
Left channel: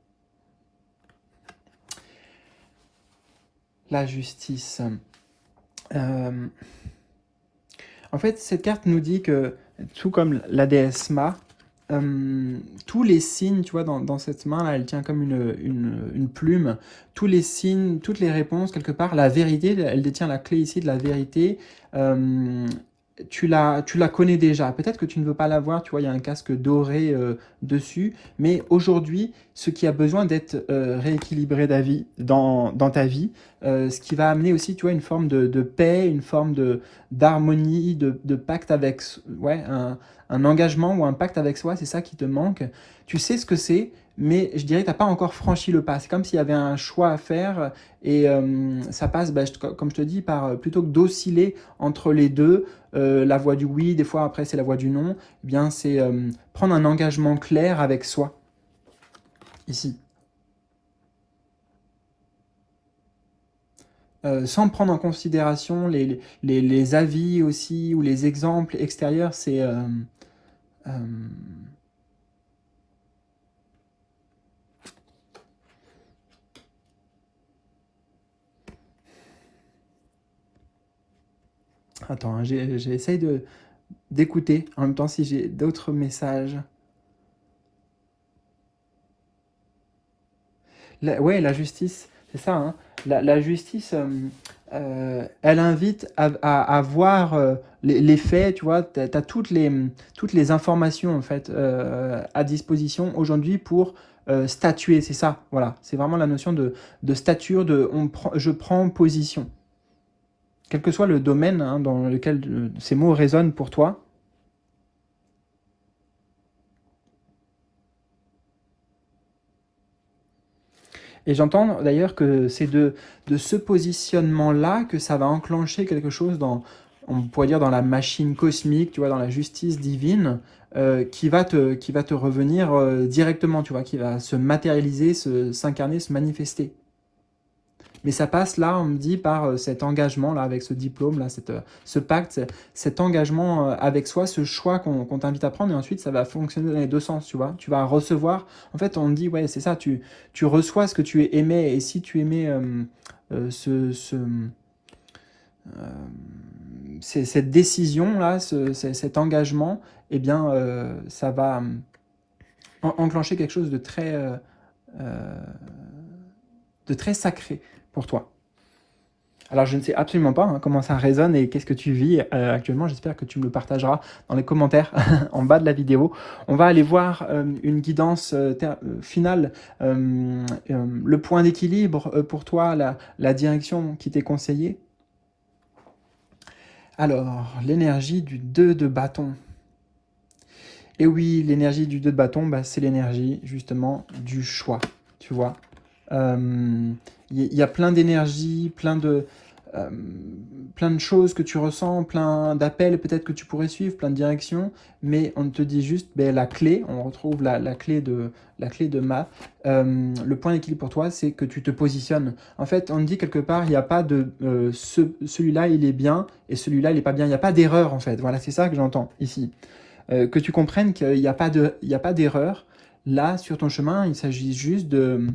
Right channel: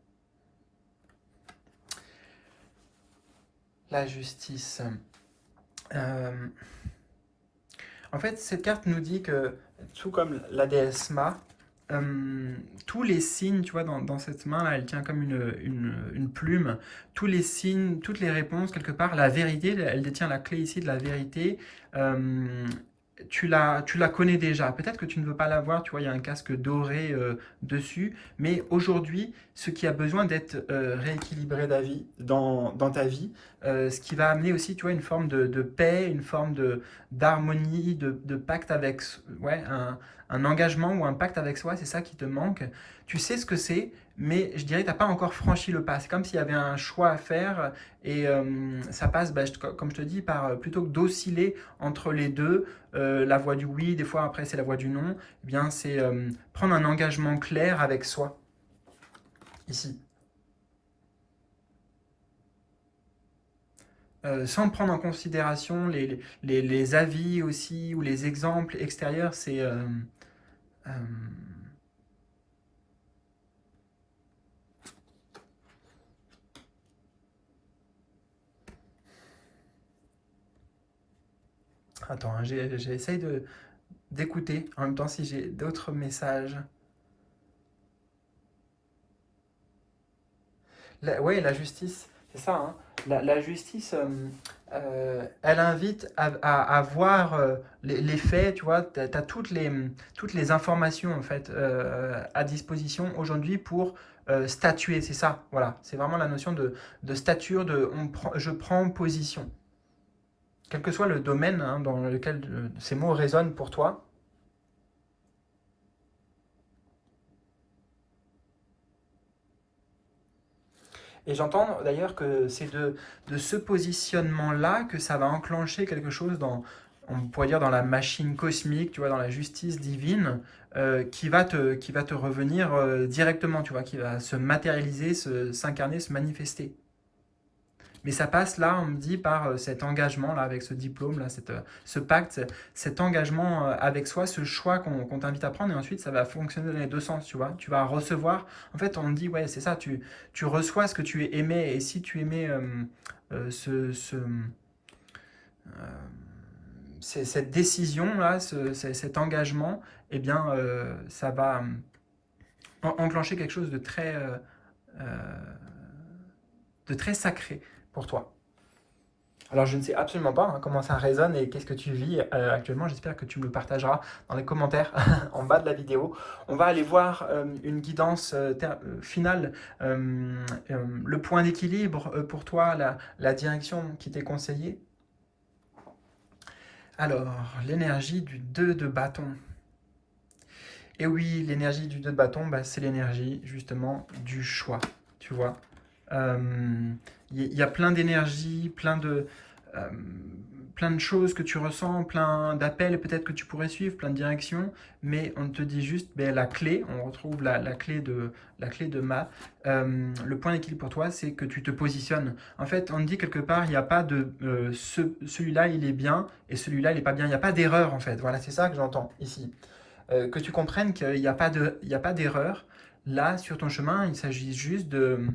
La justice. En fait, cette carte nous dit que, tout comme la déesse Ma, tous les signes, tu vois, dans cette main-là, elle tient comme une plume, tous les signes, toutes les réponses, quelque part, la vérité, elle détient la clé ici de la vérité, tu la connais déjà. Peut-être que tu ne veux pas la voir, tu vois, il y a un casque doré dessus, mais aujourd'hui, ce qui a besoin d'être rééquilibré dans ta vie, ce qui va amener aussi, tu vois, une forme de paix, une forme d'harmonie, de pacte avec, ouais, un engagement ou un pacte avec soi, c'est ça qui te manque. Tu sais ce que c'est, mais je dirais que tu n'as pas encore franchi le pas. C'est comme s'il y avait un choix à faire et ça passe, bah, comme je te dis, par plutôt que d'osciller entre les deux, la voie du oui, des fois après c'est la voie du non, eh bien c'est prendre un engagement clair avec soi, ici. Sans prendre en considération les avis aussi ou les exemples extérieurs, c'est... euh, attends, hein, j'essaye d'écouter en même temps si j'ai d'autres messages. Ouais, la justice, c'est ça. Hein. La justice, elle invite à voir les faits, tu vois. Tu as toutes les informations, en fait, à disposition aujourd'hui pour statuer. C'est ça, voilà. C'est vraiment la notion de stature, je prends position. Quel que soit le domaine hein, dans lequel ces mots résonnent pour toi. Et j'entends d'ailleurs que c'est de ce positionnement-là que ça va enclencher quelque chose on pourrait dire dans la machine cosmique, tu vois, dans la justice divine, qui va te revenir directement, tu vois, qui va se matérialiser, s'incarner, se manifester. Mais ça passe là, on me dit, par cet engagement là, avec ce diplôme, là, ce pacte, cet engagement avec soi, ce choix qu'on t'invite à prendre, et ensuite ça va fonctionner dans les deux sens, tu vois. Tu vas recevoir, en fait on me dit, ouais c'est ça, tu reçois ce que tu aimais, et si tu aimais cette décision là, cet engagement, eh bien ça va enclencher quelque chose euh, de très sacré pour toi. Alors je ne sais absolument pas hein, comment ça résonne et qu'est-ce que tu vis actuellement. J'espère que tu me le partageras dans les commentaires en bas de la vidéo. On va aller voir une guidance finale, le point d'équilibre pour toi, la direction qui t'est conseillée. Alors, l'énergie du 2 de bâton. Et oui, l'énergie du 2 de bâton, bah, c'est l'énergie justement du choix, tu vois. Y a plein d'énergie, plein de choses que tu ressens, plein d'appels peut-être que tu pourrais suivre, plein de directions, mais on te dit juste ben, la clé, on retrouve la clé de maths. Le point d'équilibre pour toi, c'est que tu te positionnes. En fait, on te dit quelque part, il n'y a pas de celui-là il est bien et celui-là il n'est pas bien. Il n'y a pas d'erreur en fait. Voilà, c'est ça que j'entends ici. Que tu comprennes qu'il n'y a pas d'erreur. Là, sur ton chemin, il s'agit juste de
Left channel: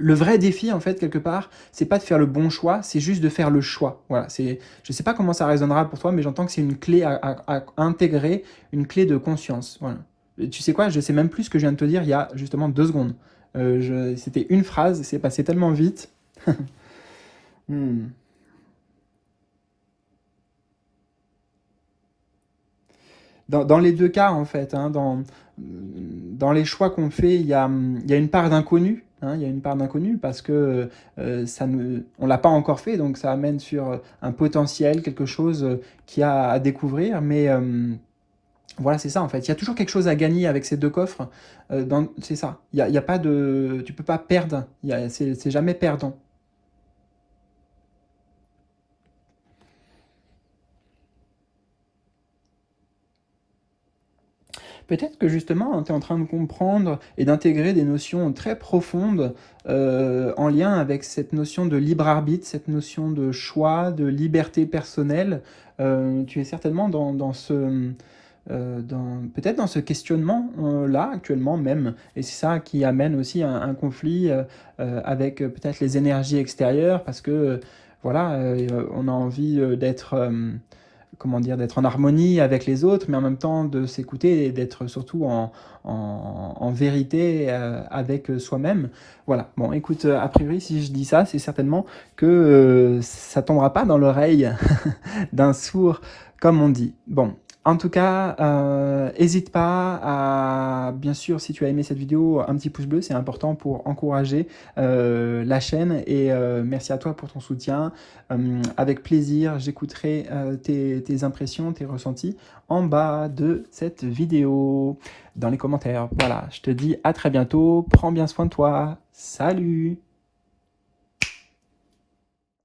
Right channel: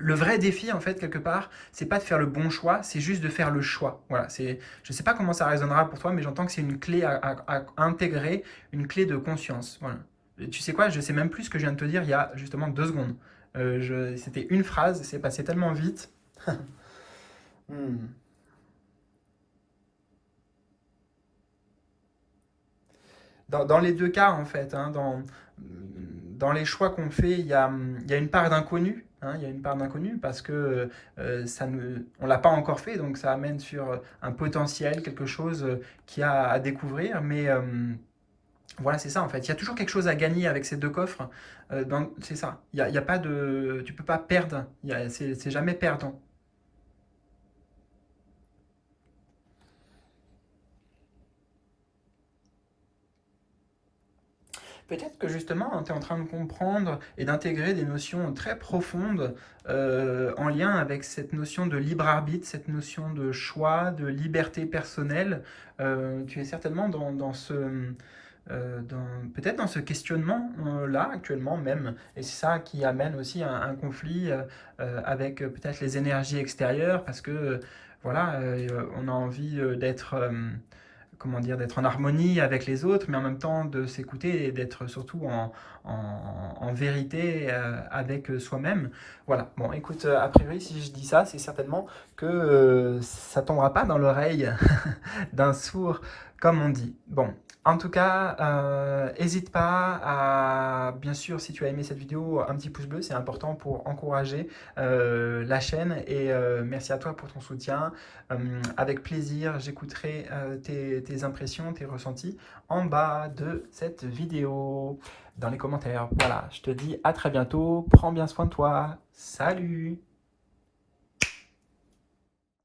le vrai défi, en fait, quelque part, c'est pas de faire le bon choix, c'est juste de faire le choix. Voilà, je sais pas comment ça résonnera pour toi, mais j'entends que c'est une clé à intégrer, une clé de conscience. Voilà. Et tu sais quoi, je sais même plus ce que je viens de te dire il y a justement 2 secondes. C'était une phrase, c'est passé tellement vite. Hmm. Dans les deux cas, en fait, hein, dans les choix qu'on fait, il y a une part d'inconnu. Hein, il y a une part d'inconnu parce que on ne l'a pas encore fait, donc ça amène sur un potentiel, quelque chose qu'il y a à découvrir. Mais voilà, c'est ça en fait. Il y a toujours quelque chose à gagner avec ces deux coffres. C'est ça. Il y a pas de, tu peux pas perdre. C'est jamais perdant. Peut-être que justement, tu es en train de comprendre et d'intégrer des notions très profondes en lien avec cette notion de libre arbitre, cette notion de choix, de liberté personnelle. Tu es certainement peut-être dans ce questionnement là actuellement même, et c'est ça qui amène aussi un conflit avec peut-être les énergies extérieures, parce que voilà, on a envie d'être comment dire, d'être en harmonie avec les autres, mais en même temps de s'écouter et d'être surtout en vérité avec soi-même. Voilà, bon écoute, a priori si je dis ça, c'est certainement que ça tombera pas dans l'oreille d'un sourd, comme on dit. Bon, en tout cas, n'hésite pas à, bien sûr, si tu as aimé cette vidéo, un petit pouce bleu, c'est important pour encourager la chaîne, et merci à toi pour ton soutien. Avec plaisir, j'écouterai tes impressions, tes ressentis en bas de cette vidéo, dans les commentaires. Voilà, je te dis à très bientôt, prends bien soin de toi, salut!